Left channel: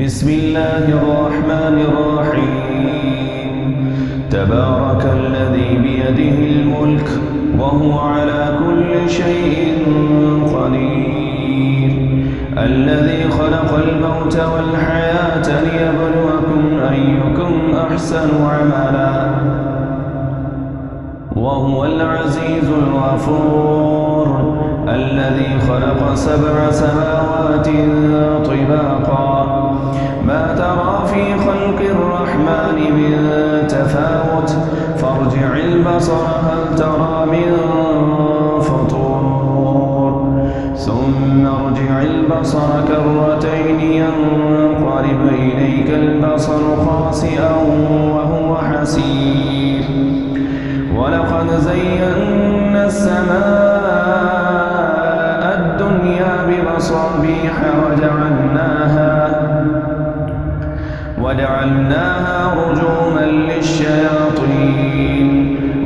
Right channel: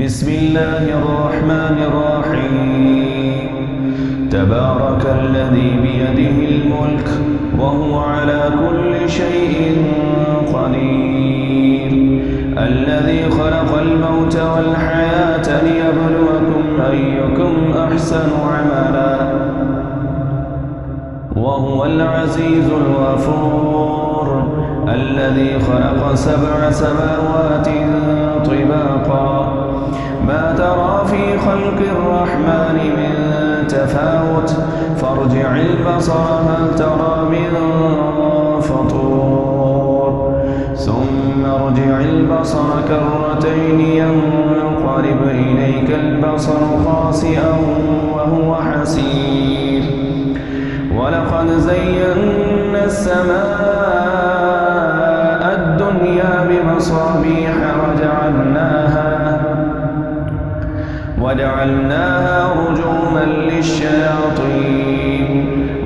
بسم الله الرحمن الرحيم تبارك الذي بيده الملك وهو على كل شيء قدير الذي خلق الموت والحياة ليبلوكم أيكم أحسن عملا وهو العزيز الغفور الذي خلق 7 سماوات طباقا ما ترى في خلق الرحمن من تفاوت فارجع البصر هل ترى من فطور ثم ارجع البصر كرتين ينقلب إليك البصر خاسئا وهو حسير ولقد زينا السماء الدنيا بمصابيح وجعلناها رجوما للشياطين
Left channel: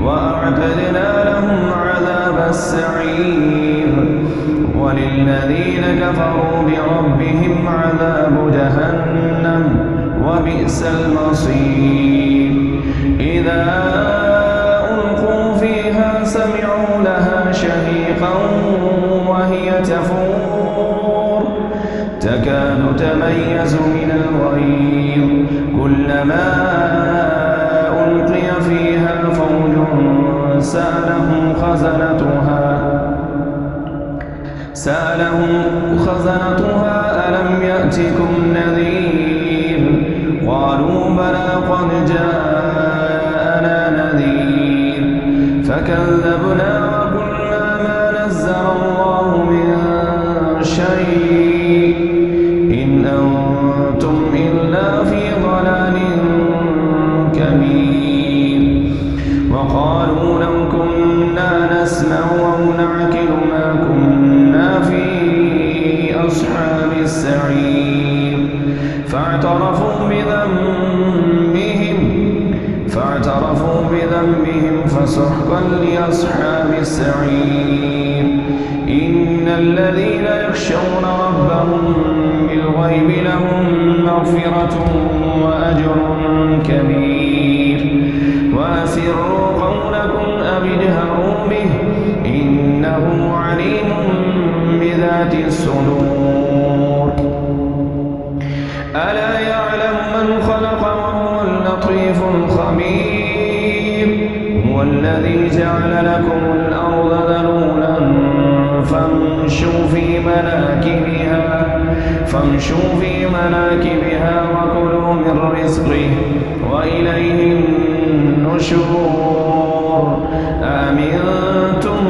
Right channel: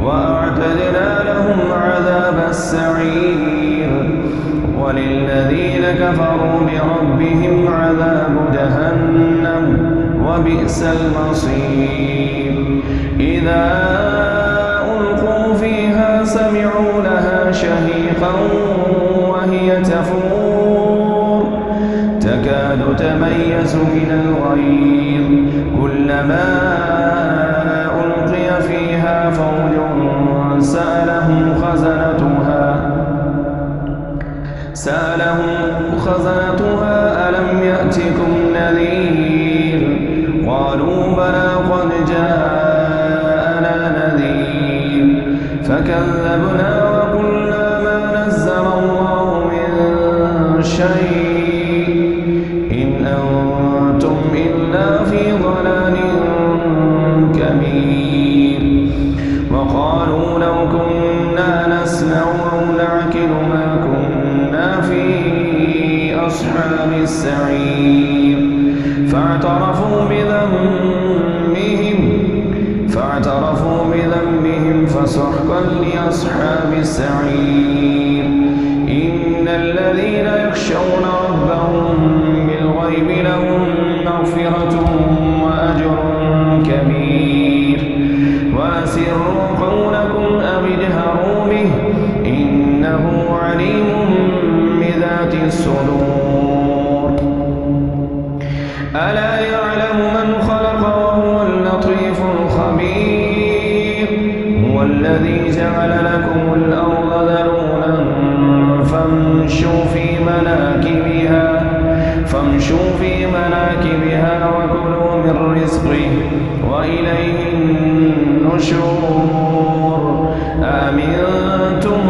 وأعتدنا لهم عذاب السعير وللذين كفروا بربهم عذاب جهنم وبئس المصير إذا ألقوا فيها سمعوا لها شهيقا وهي تفور تكاد تميز من الغيظ كلما ألقي فيها فوج سألهم خزنتها ألم يأتكم نذير قالوا بلى قد جاءنا نذير فكذبنا وقلنا ما نزل الله من شيء إن أنتم إلا في ضلال كبير وقالوا لو كنا نسمع أو نعقل ما كنا في أصحاب السعير فاعترفوا بذنبهم فسحقا لأصحاب السعير إن الذين يخشون ربهم بالغيب لهم مغفرة وأجر كبير وأسروا قولكم أو اجهروا به إنه عليم بذات الصدور ألا يعلم من خلق وهو اللطيف الخبير هو الذي جعل لكم الأرض ذلولا فامشوا في مناكبها وكلوا من رزقه وإليه النشور أأمنتم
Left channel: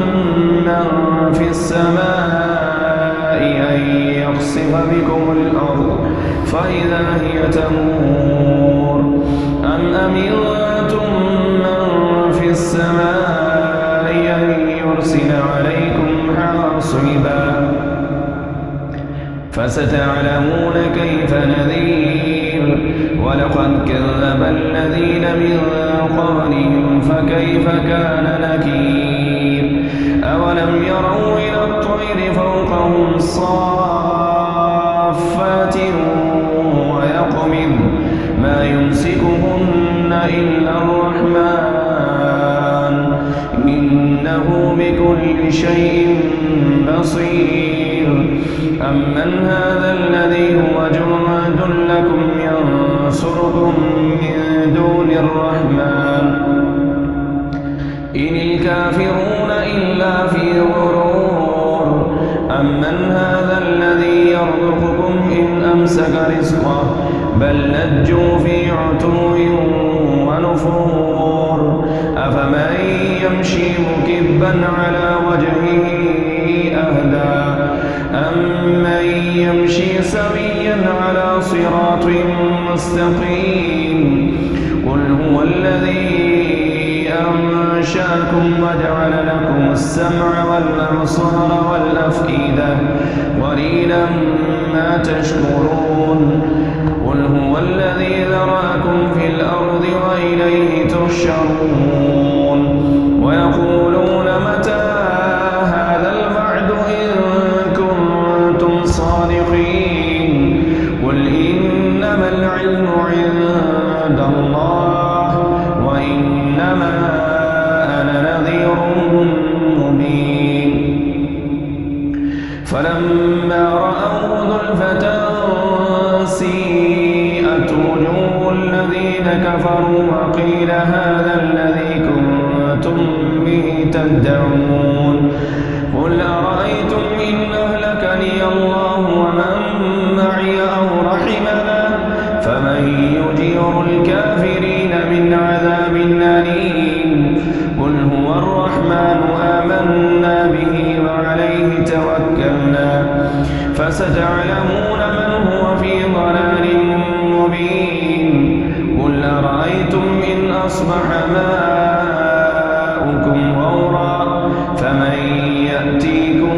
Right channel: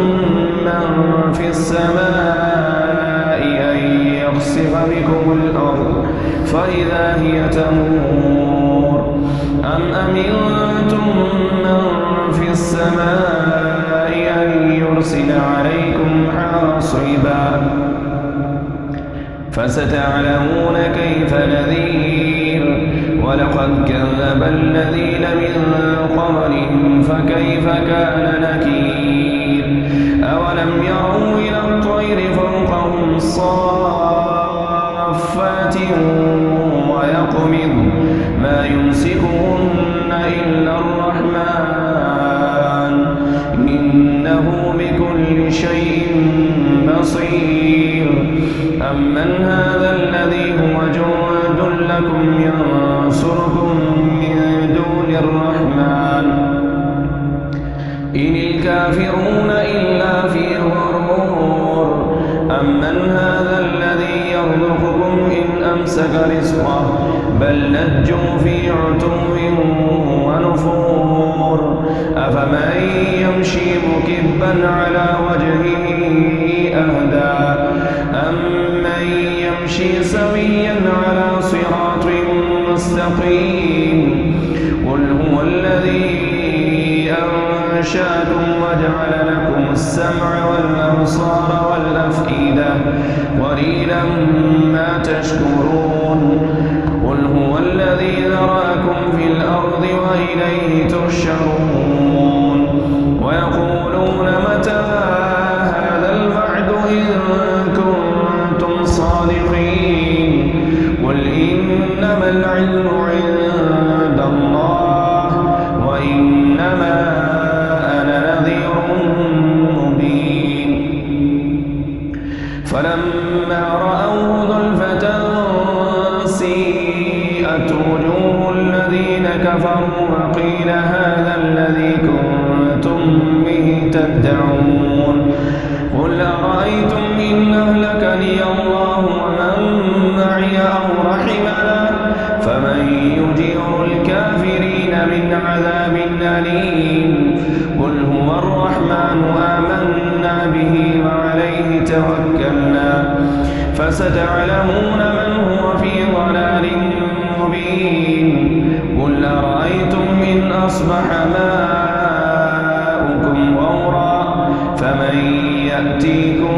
من في السماء أن يخسف بكم الأرض فإذا هي تمور أم أمنتم من في السماء أن يرسل عليكم حاصبا فستعلمون كيف نذير ولقد كذب الذين من قبلهم فكيف كان نكير أولم يروا إلى الطير فوقهم صافات ويقبض ما يمسكهن إلا الرحمن إنه بكل شيء بصير أمن هذا الذي هو جند لكم ينصركم من دون الرحمن إن الكافرون إلا في غرور أمن هذا الذي يرزقكم إن أمسك رزقه بل لجوا في عتو ونفور أفمن يمشي مكبا على وجهه أهدى أمن يمشي سويا على صراط مستقيم قل هو الذي أنشأكم وجعل لكم السمع والأبصار والأفئدة قليلا ما تشكرون قل هو الذي ذرأكم في الأرض وإليه تحشرون ويقولون متى هذا الوعد إن كنتم صادقين قل إن إنما العلم عند الله وإنما أنا نذير مبين فلما رأوه زلفة سيئت وجوه الذين كفروا وقيل هذا الذي كنتم به تدعون قل أرأيتم إن أهلكني الله ومن معي أو رحمنا فمن يجير الكافرين من عذاب أليم قل هو الرحمن آمنا به وعليه توكلنا فستعلمون من هو في ضلال مبين قل أرأيتم إن أصبح ماؤكم غورا فمن يأتيكم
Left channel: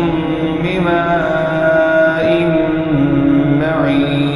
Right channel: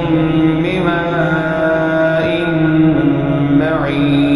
بماء معين